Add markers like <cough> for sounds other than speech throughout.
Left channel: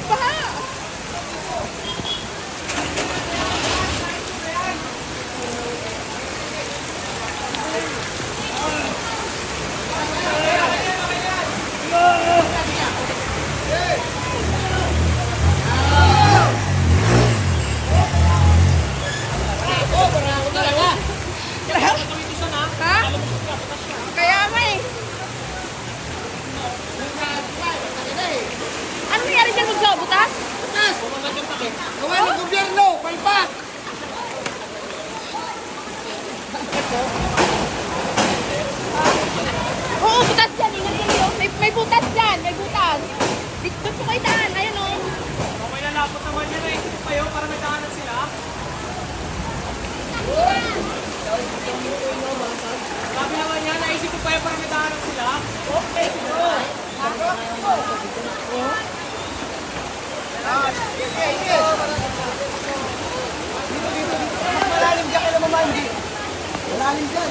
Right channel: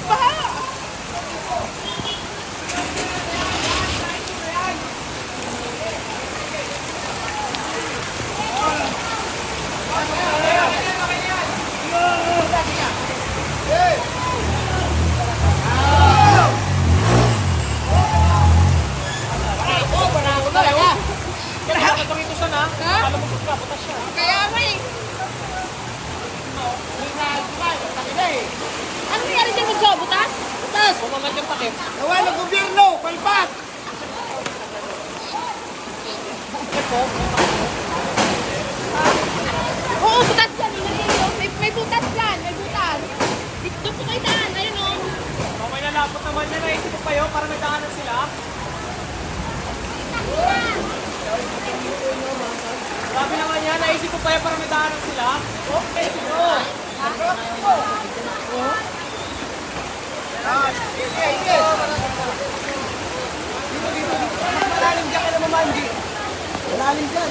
yung baha. Ha? Kaya nga eh. Ano nangyari dyan magsabutas? Butas! Gawin ng gobyerno! Palpak! Oo, butas dyan. Ingat kayo. May, may butas dyan. May butas. Dito doon po kayo daan. Ayun o. Okay na lapot naman yan. Naisip ko pa yun para nagdaanan sila. Grabe naman yan. Naisip ko pa yun para nagdaanan sila. Okay, sino? Sige, sige! Dito, dito, dito. Mas malalim dyan kay Mamandi. Malalim dyan.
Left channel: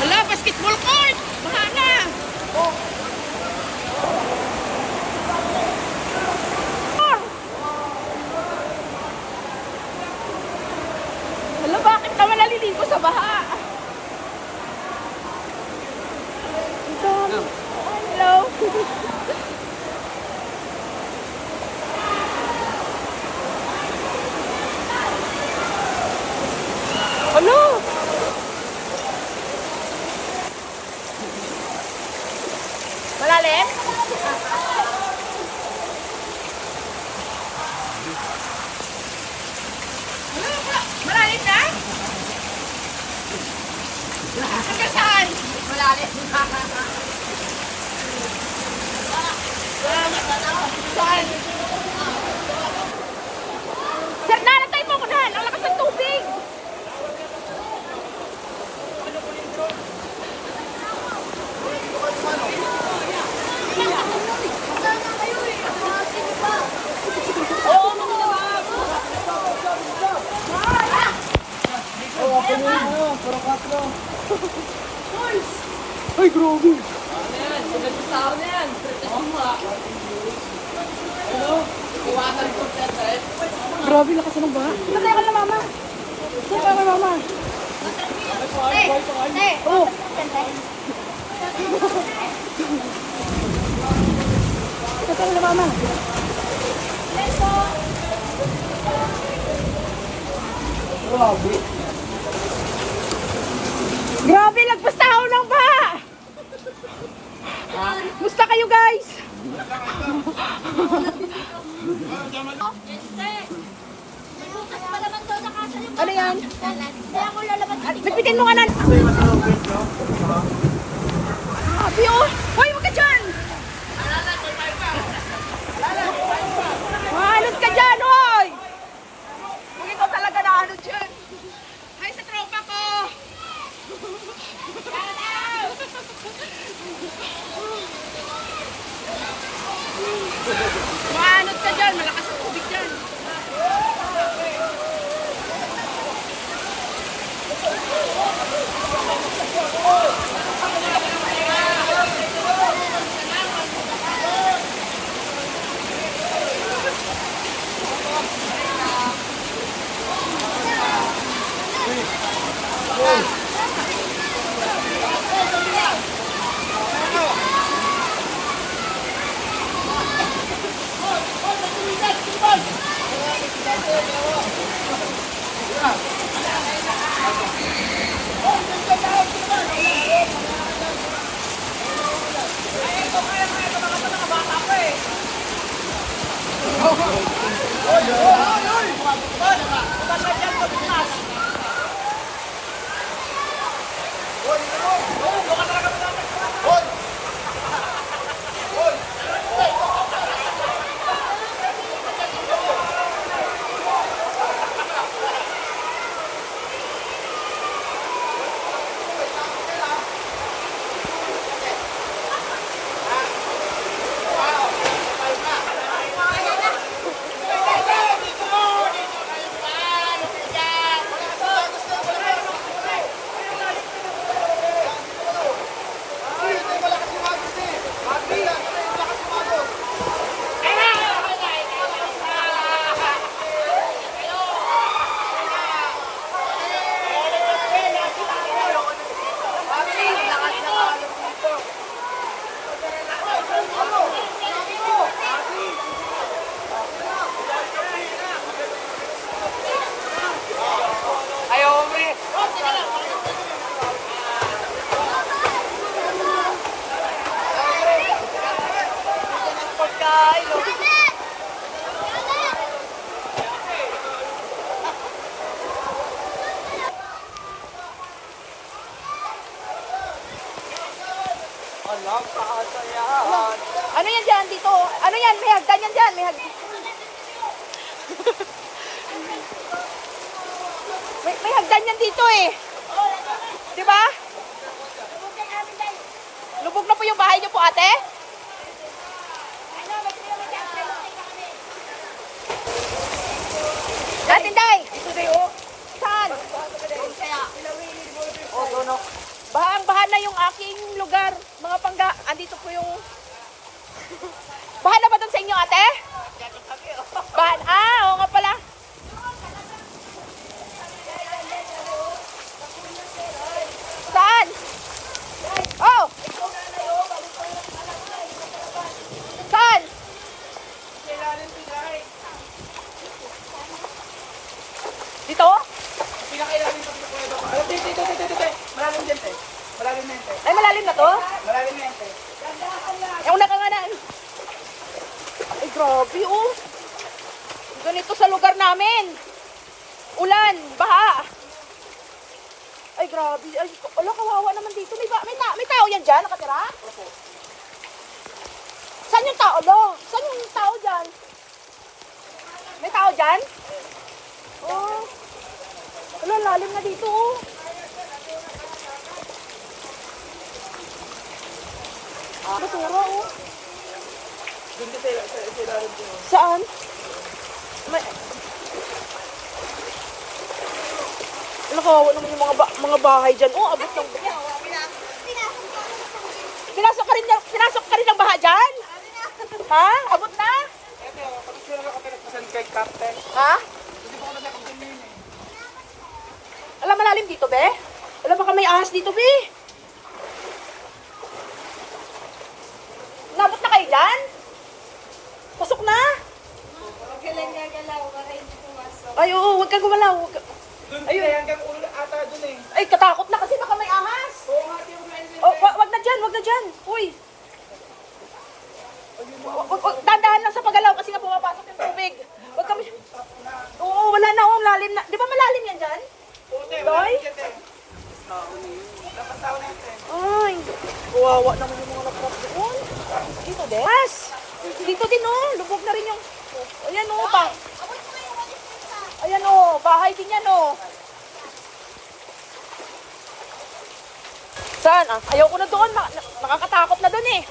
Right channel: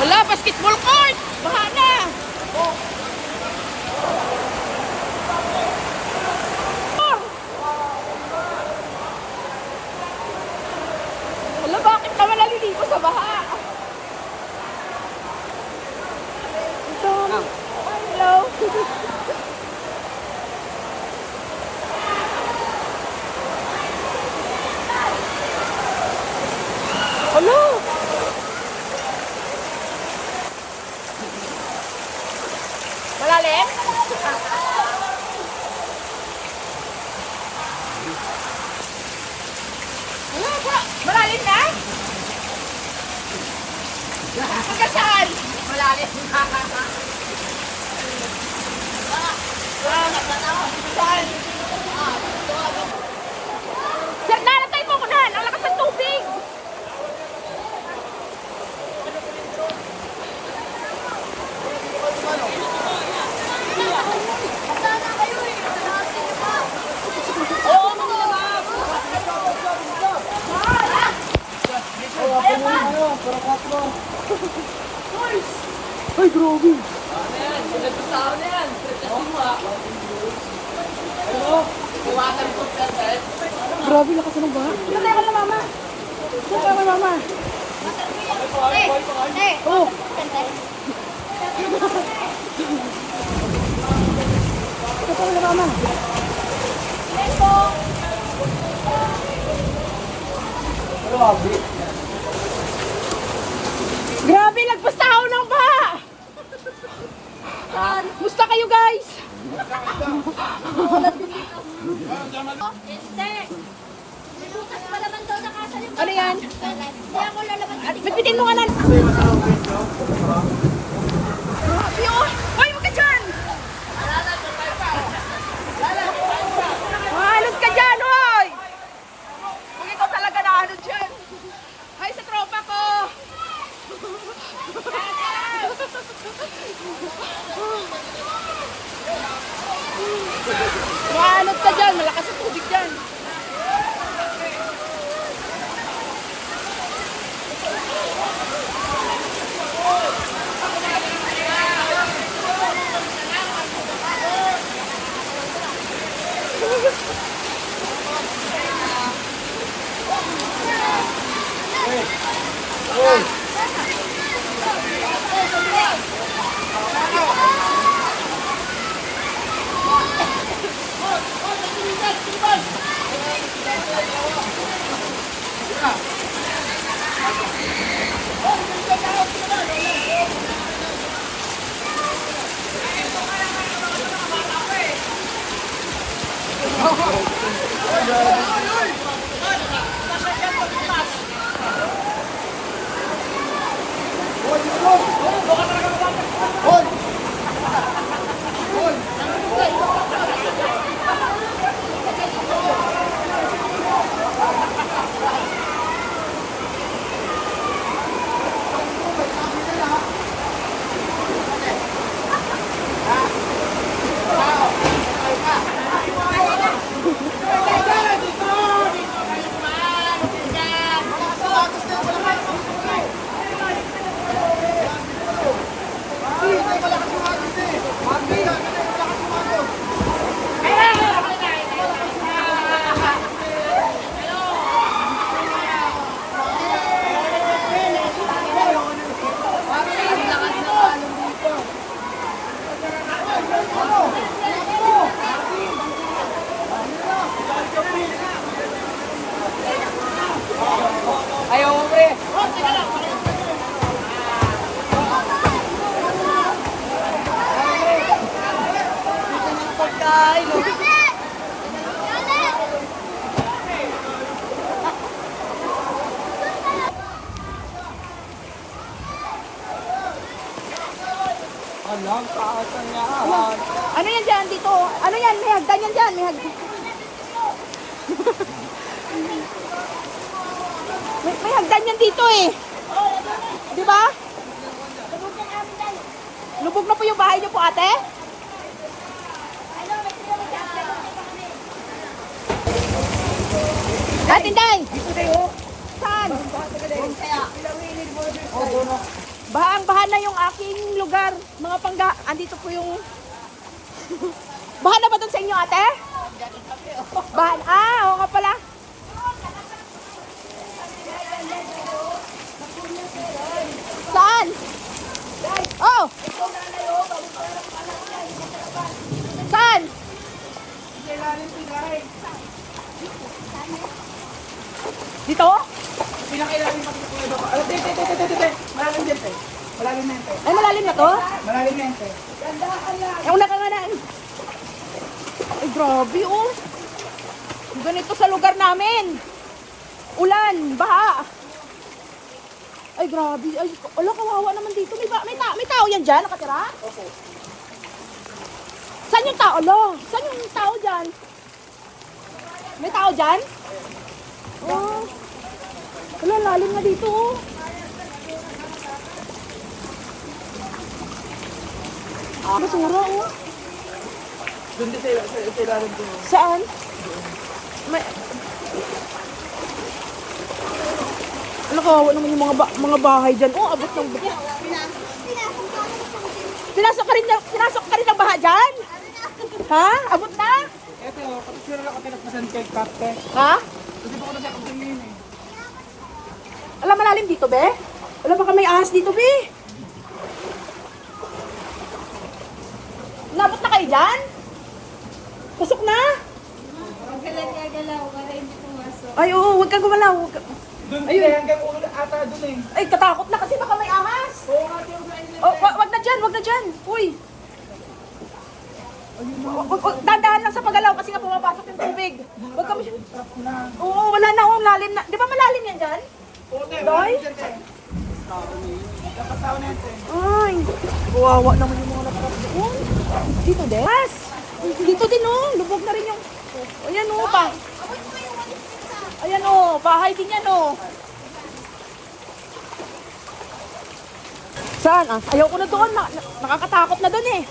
Wala, basketball court. Baha na. Ano, bakit kami naliligo sa baha? Ano? Malalim? Wala ba? Malalim na? Hanggang saan? Malalim. Saan? Sir, dala tayo mo Alam, kakasan yan. Ano yan dyan dito? Ano yan? May hagdan yan dyan. May hagdan. may, may hagdan yan dito eh. Di ba? Lubog na po yung bahay niyo po ate? Datin day! Dito tayo. Saan? Oh, doon oh. Bahang baha na yung aking lugar. Mga pangga. Andito po yung... <laughs> baha na ba doon sa inyo ate? Bahan. Ah, oo nga pala. Saan? Oh! Saan? Dito? Malalim din, te. Malalim din, te. Ay, malalim na to? Malalim din, te. Ayaw na ka nga na. Ay, grabe oh. Ganito sa lugar namin. Ulan, baha. Ay, grabe. Ay, ala, kawawa naman dito. May, ba- may, ta may tao yan dyan? Nakatira? Opo. Saan yung tao? Lo? Saan yung tao dyan? May tao dyan? Oh. Ala, lalim na dito. oh. Ah, basura oh. Doon sila, sila rin doon. Saan? May- Ano kawawa naman yung mga, ba- mga bahay dyan? Oh, abot yung Pinasok ka rin, na- pinasok ka rin ng baha dyan? Ha? Abot na? Ito, pag sila ako pinagpasan kay Kapte. Ha? Alam malalim dito, be? Wala baka may ahas dito, be? Nabot na kayo dyan? Pasok na? Ay, oo, huwag kang gumalaw. Huwag Doon sila hanggang ulo na ata, Jing. Ay, katakot na kasi baka may ahas. Oh, wag, wag na dyan, wag na dyan. Uy. Wag, wag, dadaan lang sa pagalaw kasi nga pumapasok yung tubig. Huwag ka Oo, wala na, oh, lalim na. Di ba malalim yan dyan? Okay, malalim din, te. Dapat tao na yan, te. Ay. Kawawa naman yung mga dito din? Yes. Dito din, oh. Lubog na rin yung... Ayan, oh. Yan, oh. Saan? Ah, ayaw ko na doon. Ma nakakatakot na doon, eh.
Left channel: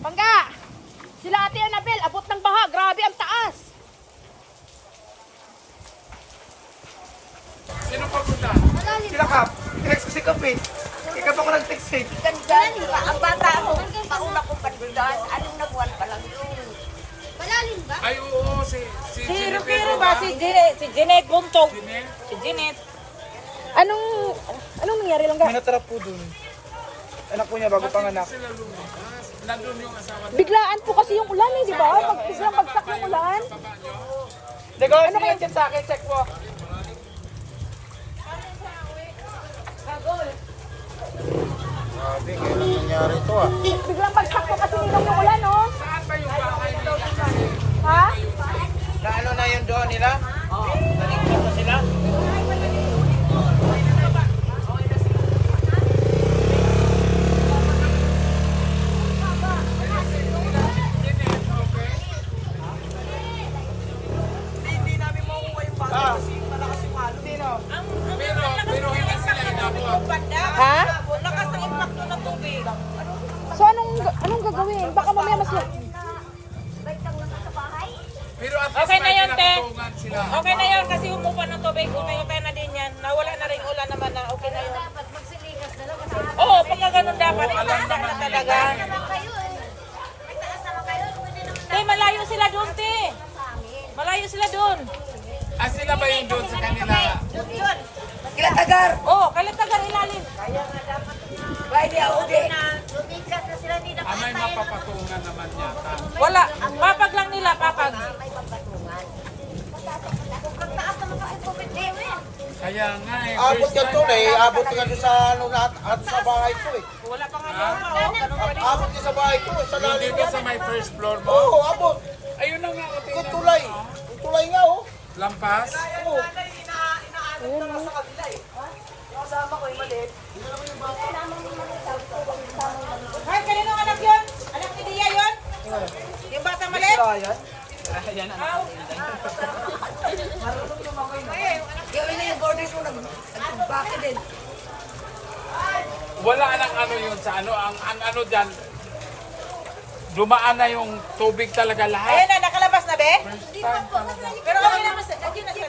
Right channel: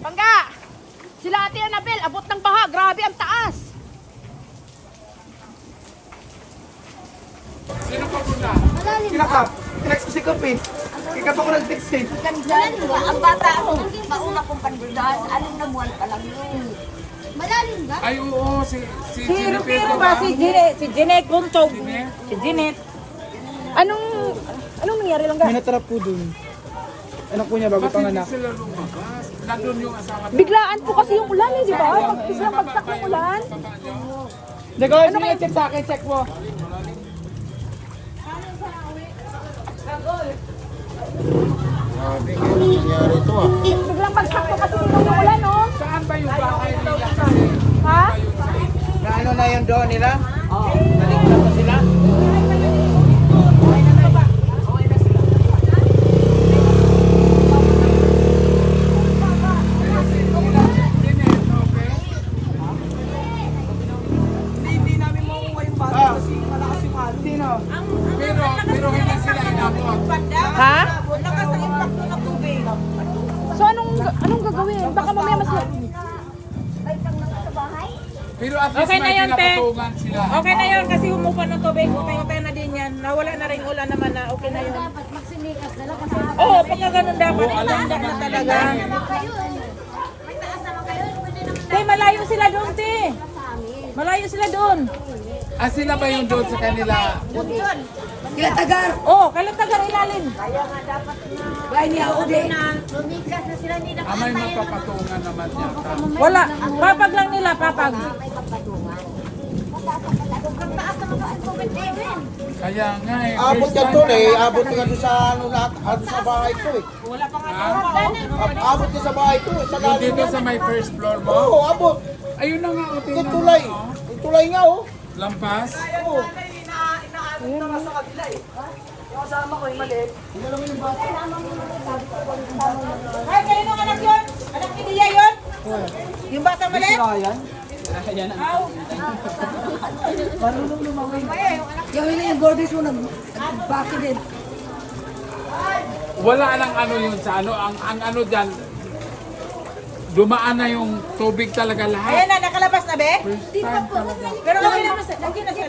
Bangga! Sila ate Annabel, abot ng baha. Grabe, ang taas. Sino pa punta? Sila Kap. Tinext ko si Kap eh. Kap ako nag-text eh. Ang bata ako, pandulas. Anong na buwan pa lang yun? Malalim ba? Ay, oo, si, si Jennifer, di ba? Si Jeanette, si Jeanette. Jeanette? Si Jeanette. Anong, anong nangyari lang? May natrap po dun. Anak po niya bago hindi panganak. sila lumabas? Nandun yung asawa niya. Biglaan po kasi yung ulan. eh. Sa baba ba yun? Sa baba niyo? Nag-order niya chat sa akin, check mo. Grabe, ngayon ang nangyari ito ah. Saan ba yung bahay nila kasi? Lampas tao halo ni. Baitang lang sa bahay? Pero at least Okay na may pinapatungan sila. Okay na yun kasi umupa ng tubig. Okay, okay na din yan. Nawala na rin ulan naman na okay na yun. Dapat magsilikas na lang kasi Oo, kaya ganun dapat. Handa na talaga. Tay, malayo sila doon, te. Malayo sila doon. Ah, sila ba yung doon sa kanila? Kila tagar. Oo, oh, ilalim. Bahay niya, udi. Lumikas na sila ni Ah, may mapapatungan naman yata. Wala. Papag lang nila, papag. Na? Kaya nga eh. Abot ka to eh, abot to ka eh. sa ano lahat, ano sa bahay ko eh. Wala pa nga. Abot ka sa bahay ko, sa Yung lalim dito sa may first floor mo? Oo, abot. Ayun na nga, o, tingnan mo. Tutulay. oh. Tutulay nga oh. Lampas? Ay, kayo yung anak yun? Anak ni Dia yun? Yung bata maliit? Gawin na yung gordies mo nag bakit din. Wala nang ano yun sa ano. Ang, ang ano dyan, dumaan na yung tubig talaga Ayan lahat. na, nakalabas na, be? First time talaga. Pero okay naman sa... Lagi na sa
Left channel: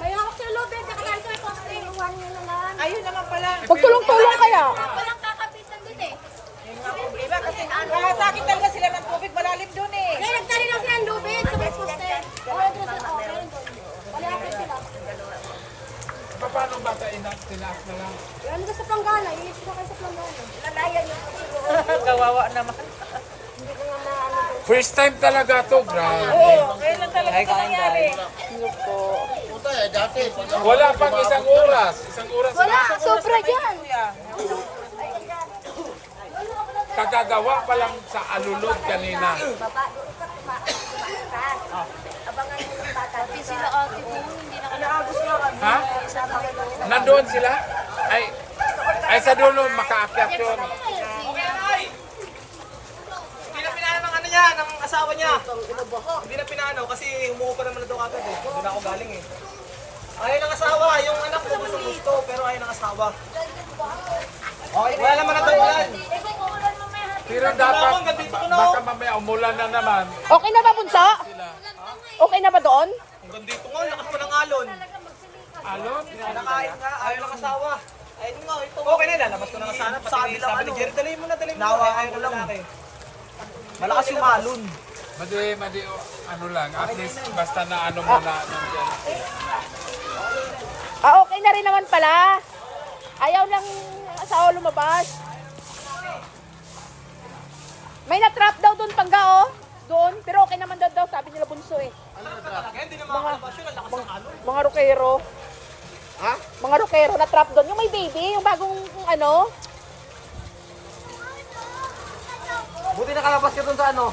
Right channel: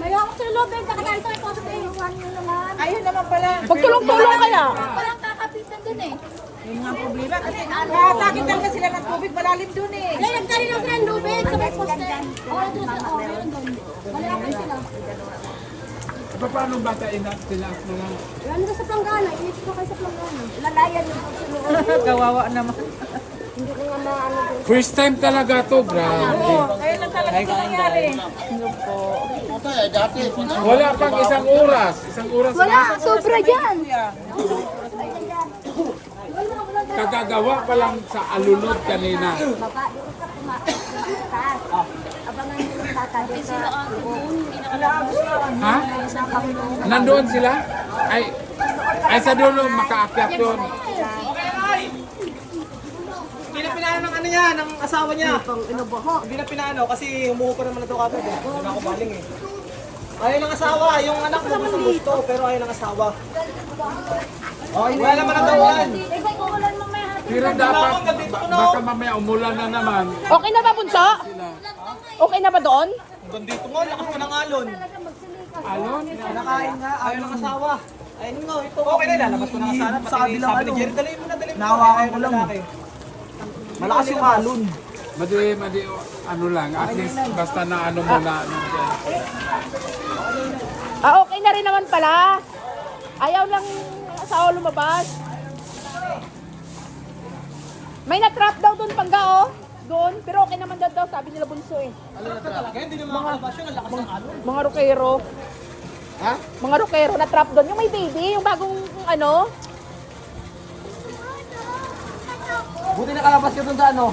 May ako sa loob, eh. Eh. Kuhan nyo naman. Ayun naman pala. Pagtulog mo lang na. Walang kakapitan dun eh. Yun nga ang problema. Kasi nakatakin talaga sila ng tubig. Malalim dun eh. Wala, nagtali lang sila ng lubid sa may poste. O, wala doon sila. O, meron doon. Malayakan sila. Pa- Paano ba tayo na tinaas na lang? Ano ba sa planggana? Init ko kayo sa planggana. Lalayan mo sa loob. Kawawa naman. Hindi ko nga na ano. First time talaga to, grabe. Oo, kaya lang talaga ito nangyari. Puta eh, dati. Wala pang isang oras. Isang oras Wala, sobra dyan. Kagagawa pa lang sa alulod kanina. Baba, doon ka kumataas. Abangan nyo yung bata. Kapit sila ate doon. Hindi nakalabas. Ha? Nandoon sila? Ay, ay sa dulo, makaakyat yun. Hindi na pinano ng ano niya, ng asawa niya. Hindi na pinano kasi umuho pa naman na ito kagad eh. Hindi na ako galing eh. Ayaw ng asawa, yung anak ko gusto gusto, pero ayaw ng asawa. Okay, wala naman ang tawanan. Eh, kung ulan mamaya. Pero dapat, baka mamaya umulan na naman. Okay na ba, Bunso? Okay na ba doon? Hanggang dito nga, lakas pa ng alon. Alon? Nakain nga, ayaw ng asawa. Ayun nga, ito. Okay na, lalabas ko na nga sana. Pati sabi ni Jerry, dali mo na, dali mo na. Nawakan ko lang. Malakas yung alon. Madi, madi, ano lang, at least basta na ano muna. Ah, okay na rin naman pala. Ayaw lang asawa lumabas. May na-trap daw doon pagka oh. Doon, pero okay naman daw daw, sabi nila bunso eh. Alam na talaga, hindi na makakalabas yun, ang lakas ng alon. Mga ropero. Ha? Mga ropero na trap doon. Yung may baby, yung bagong ano. Buti nakalabas ka dun sa ano,